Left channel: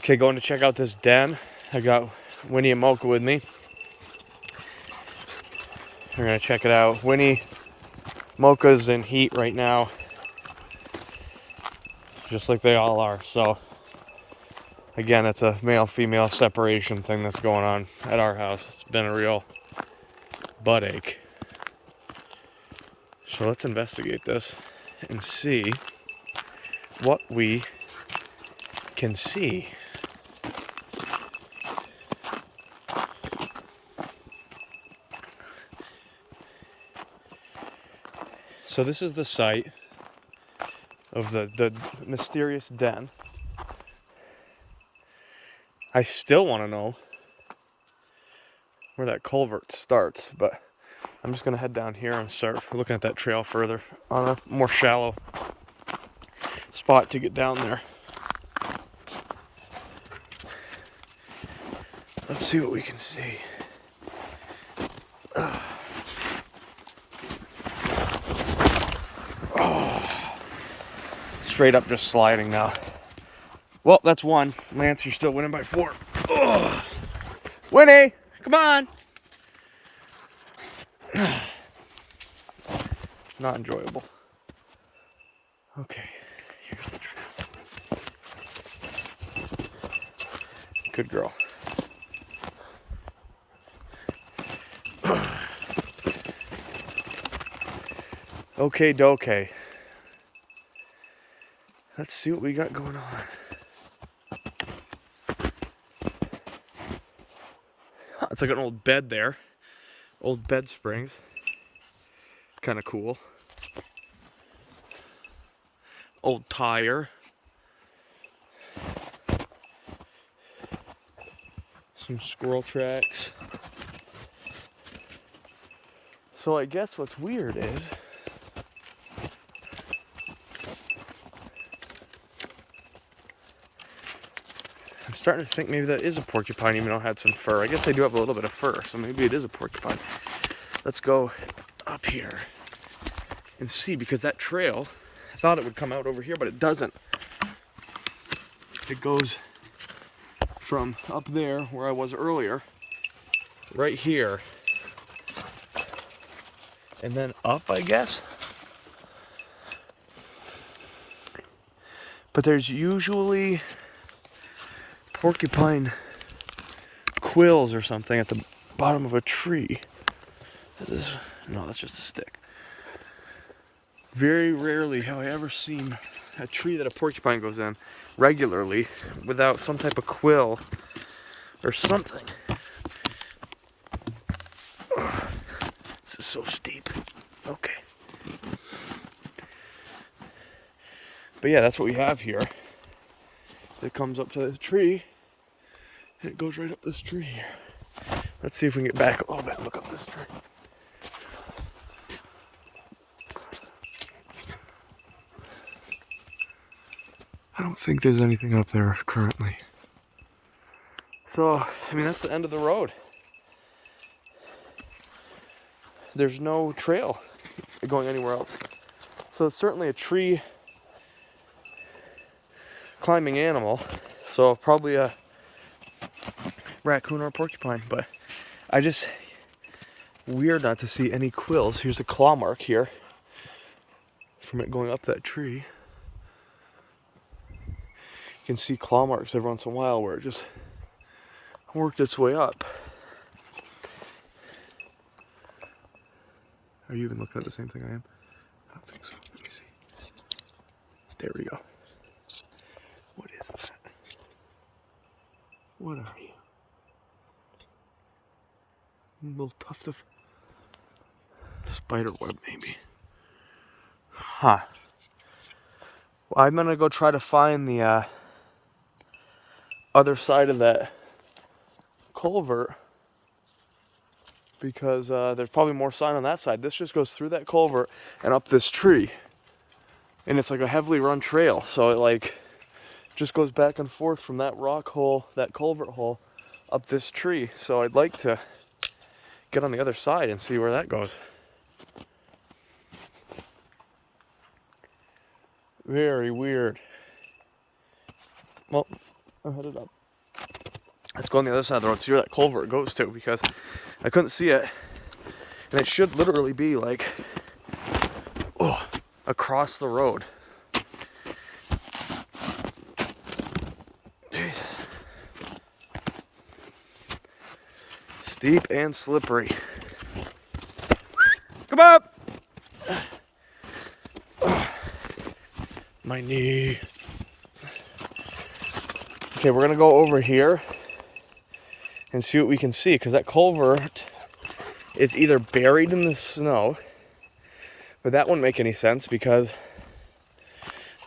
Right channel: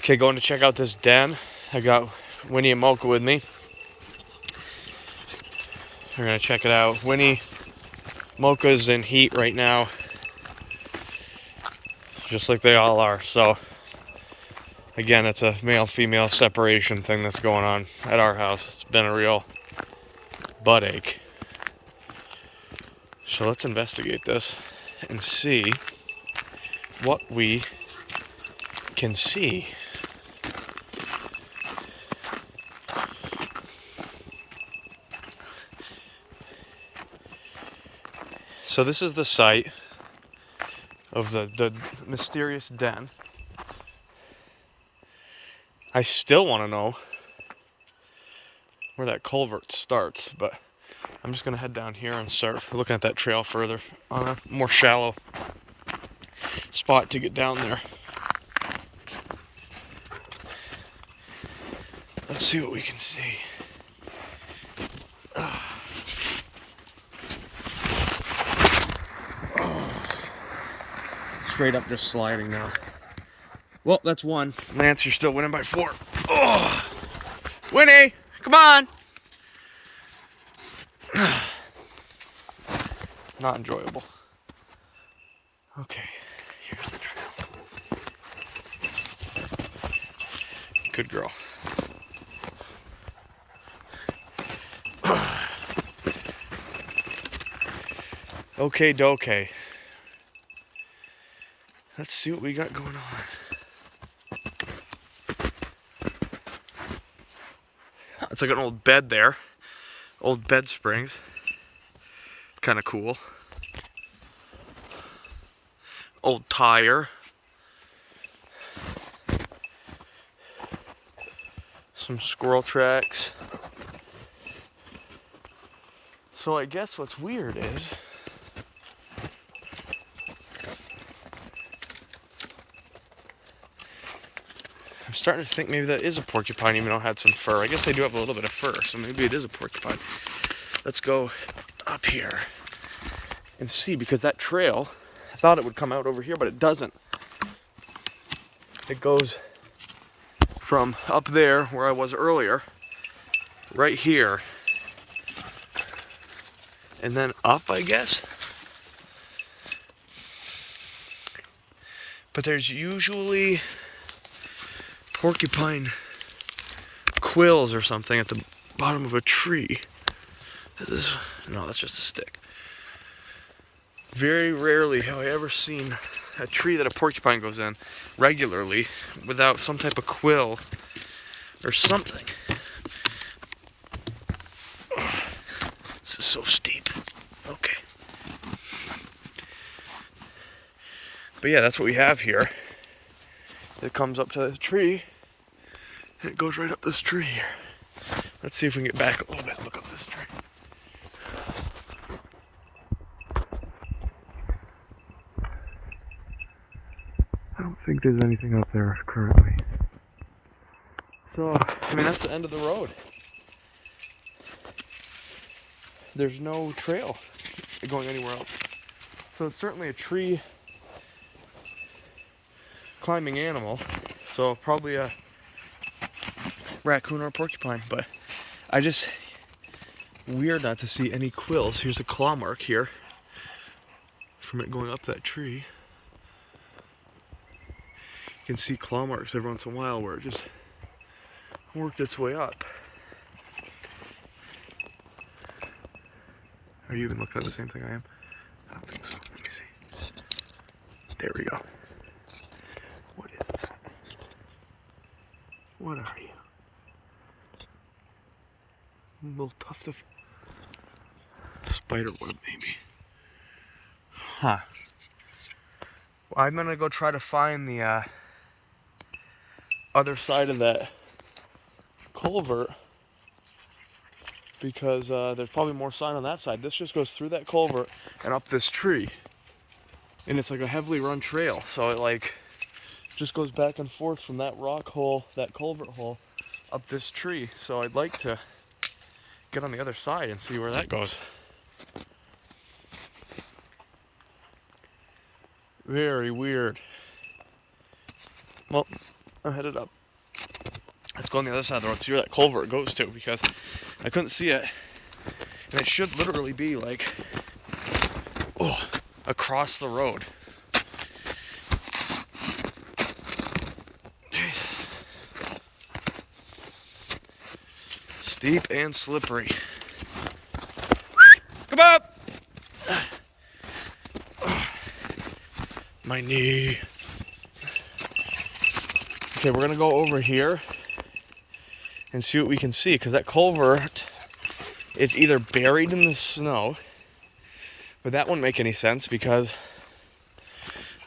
Okay, going to check out this den. I got Winnie and Mocha with me. We're gonna check it out. Winnie, Mocha's in heat right now, just like they all are. So again, it's a male-female separation thing that's going on at our house. It's been a real butt ache. So let's investigate this and see what we can see. So this is the site of the mysterious den. I still want to know where that culvert starts, but I'm just going to head down here and start looking at that trail further on a more shallow spot to get down there. Let's see what we can see. Oh. Straight up just sliding now. Well, that's one. Lance, you're still winning by 4. Oh. Winnie, come on. Not enjoyable. Okay, here's the trail. Good girl. Okay, doke. Let's see what we got going on. It's like an old bed there. Old bed springs. Kind of cool. Old tire. Some squirrel tracks. So I guess what's weird is I'm starting to think maybe that is a porcupine, even though it had some fur. I guess they do have a little bit of fur, so maybe it is a porcupine. Let's go up here and see, because that trail, I thought it would come out over here, but it doesn't. It goes from up there where I was earlier, right here, and then up, I guess. But there's usually porcupine quills or something at the bottom of a tree. No, that's just a stick. Very rarely have I ever seen a tree that a porcupine goes in regularly without some type of quill or something. Ugh, this is so steep. Okay. But yeah, that's what we have here. It comes up to the tree, and it goes right up this tree here. Let's see if we can get back a little bit and look up this tree. I don't think there's anything up there currently. So, I mean, that's the end of the road. There's no trail going anywhere else. So it's certainly a tree climbing animal. So probably a raccoon or a porcupine, but weird not to see any quills. Here's a claw mark here from it going up that tree. You can see claw marks every once in a while where it just worked its way up. Are you even looking at the same thing I am? I don't think so. Let me see. There we go. What is that? What are you? A little tuft of spider web, maybe. Huh. Well, I'm gonna go try to find the other side of that culvert, because there's probably more sign on that side. This just goes through that culvert and up this tree, and it's like a heavily run trail, so it like just goes back and forth from that rock hole, that culvert hole, up this tree. So I'd like to get on the other side and see where that goes. Very weird. Well, I'm headed up. Let's go on the other side of the road, see where that culvert goes to, because I couldn't see it. And it should literally be like, oh, across the road. Jesus. Steep and slippery. Come up! Oh, my knee. Okay, we're gonna go over here and see what we can see, because that culvert is either buried in the snow, but that wouldn't make any sense because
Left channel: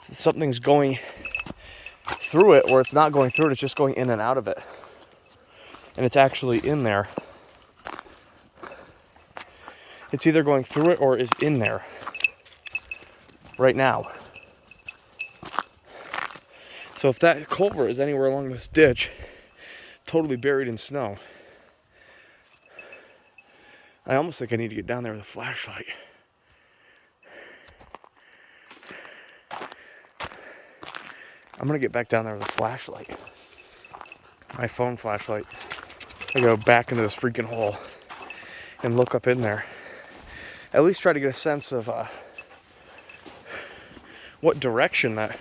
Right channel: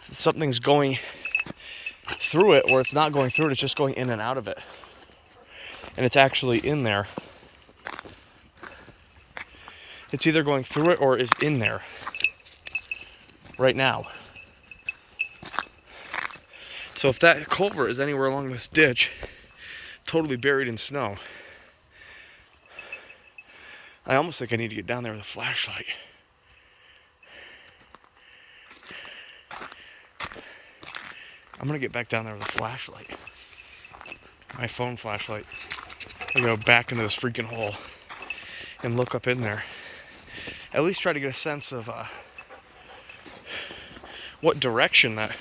something's going through it, or it's not going through it, it's just going in and out of it. And it's actually in there. It's either going through it or is in there right now. So if that culvert is anywhere along this ditch, totally buried in snow, I almost think I need to get down there with a flashlight. I'm gonna get back down there with a flashlight. My phone flashlight. I go back into this freaking hole and look up in there. At least try to get a sense of what direction that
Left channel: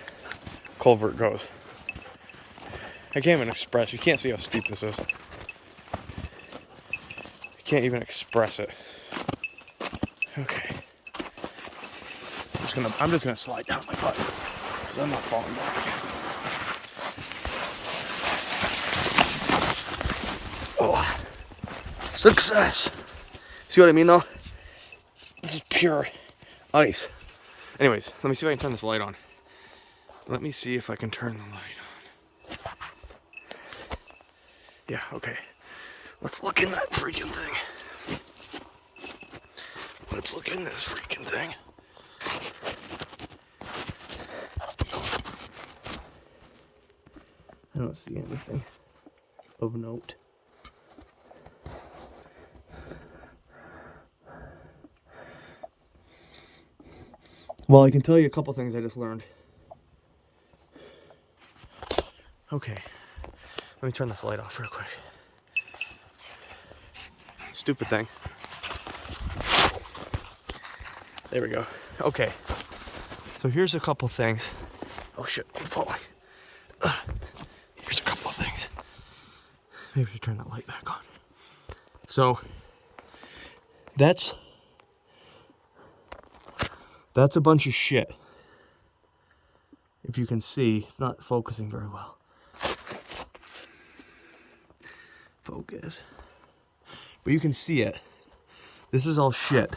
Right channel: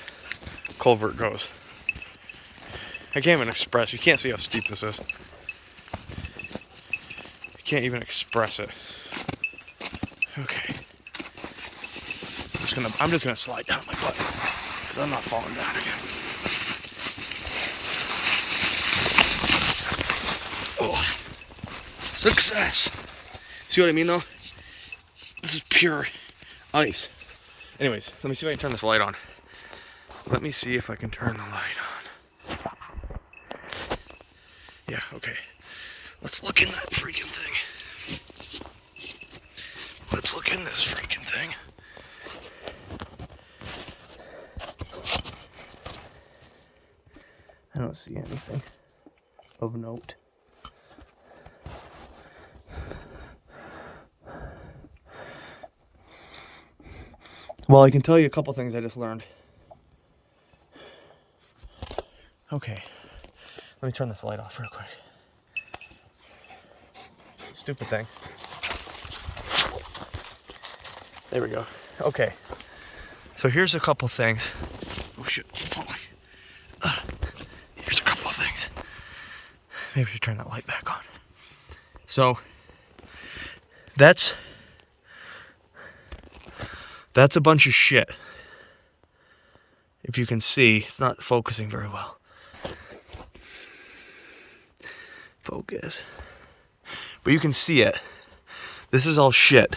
culvert goes. I can't even express. You can't see how steep this is. I can't even express it. Okay. I'm just gonna slide down my butt because I'm not falling down again. Oh, success. See what I mean though? This is pure ice. Anyways, let me see if I can turn this light on. Let me see if I can turn the light on. Yeah, okay. Let's look in that freaking thing. Let's look in this freaking thing. I don't see anything of note. Well, I can tell you a couple things I just learned. Okay, let me turn this light off real quick. Stupid thing. There we go. Okay, so here's a couple things. Oh shit, I'm falling. Here's a couple of things. Maybe we should turn that light back on. So, that's a bunch of shit. If you can see, it's not focusing very well. Focus. But you can see it. This is all shit.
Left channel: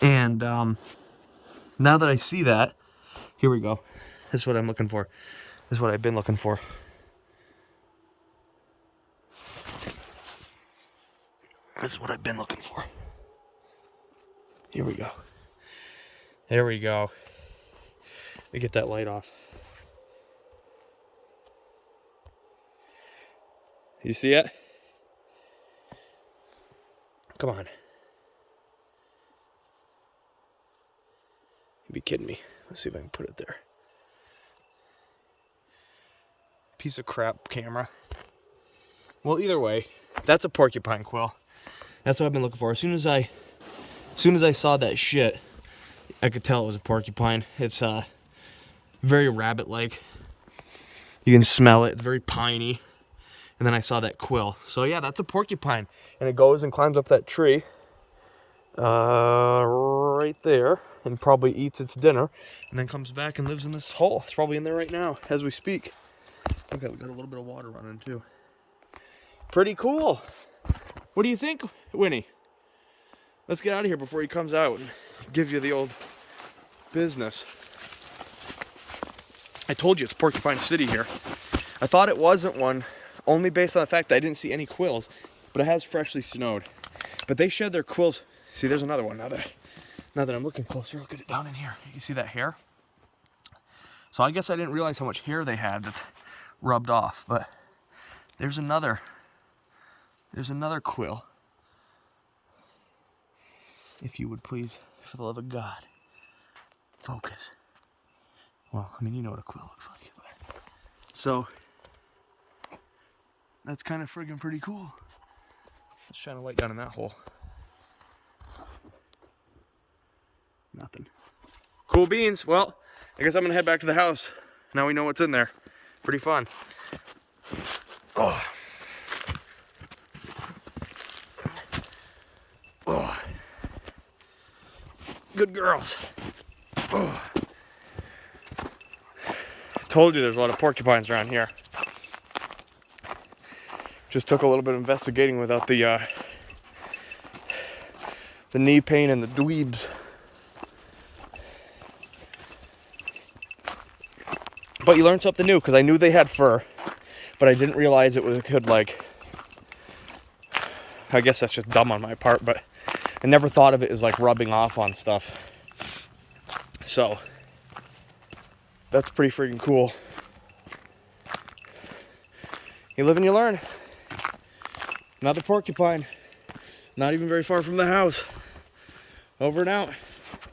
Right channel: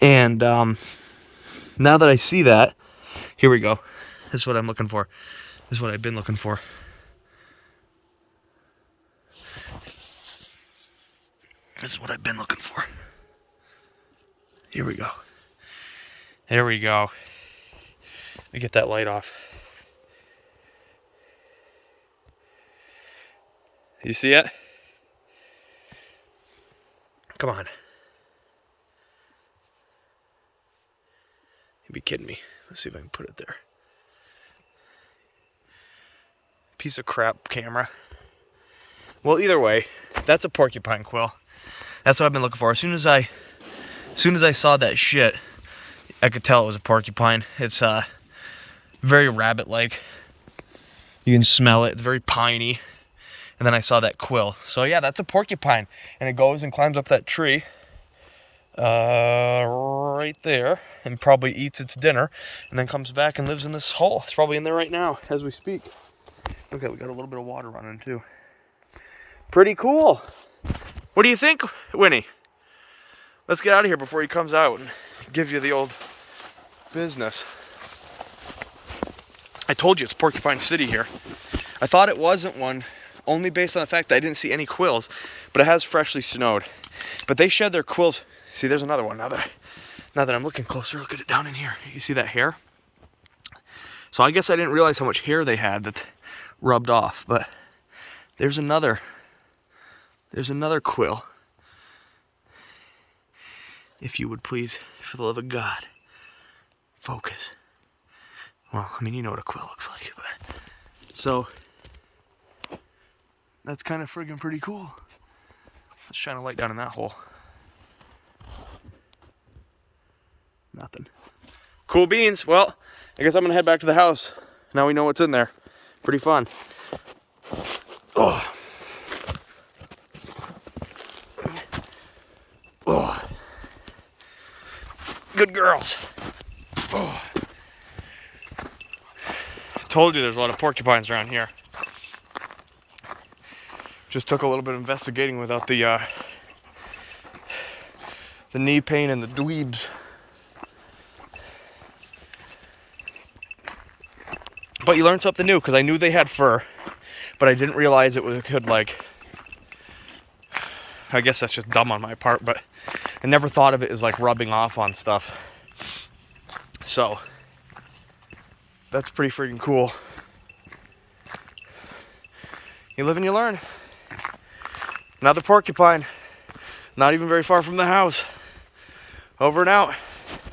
And now that I see that, here we go. This is what I'm looking for. This is what I've been looking for. This is what I've been looking for. Here we go. There we go. Let me get that light off. You see it? Come on. You'd be kidding me. Let's see if I can put it there. Piece of crap camera. Well, either way, that's a porcupine quill. That's what I've been looking for. As soon as I saw that shit, I could tell it was a porcupine. It's very rabbit-like. You can smell it. It's very piney. And then I saw that quill. So yeah, that's a porcupine. And it goes and climbs up that tree right there and probably eats its dinner and then comes back and lives in this hole. It's probably in there right now as we speak. Okay, we got a little bit of water running too. Pretty cool. What do you think, Winnie? Let's get out of here before he comes out and gives you the old business. I told you it's Porcupine City here. I thought it wasn't one, only based on the fact that I didn't see any quills, but it has freshly snowed. But they shed their quills. See, there's another one now that I'm looking closer. Look at it down in here. You see that hair? So I guess I didn't realize how much hair they had that rubbed off, but there's another quill. If you would please, for the love of God, focus. Well, I mean, you know what a quill looks like, but So that's kind of friggin' pretty cool. Let's shine a light down in that hole. Nothing. Cool beans. Well, I guess I'm gonna head back to the house. Now we know what's in there. Pretty fun. Oh. Oh. Good girls. Oh. I told you there's a lot of porcupines around here. Just took a little bit of investigating without the knee pain and the dweebs. But you learn something new, because I knew they had fur, but I didn't realize it could, like, I guess that's just dumb on my part, but I never thought of it as like rubbing off on stuff. So that's pretty freaking cool. You live and you learn. Another porcupine, not even very far from the house. Over and out.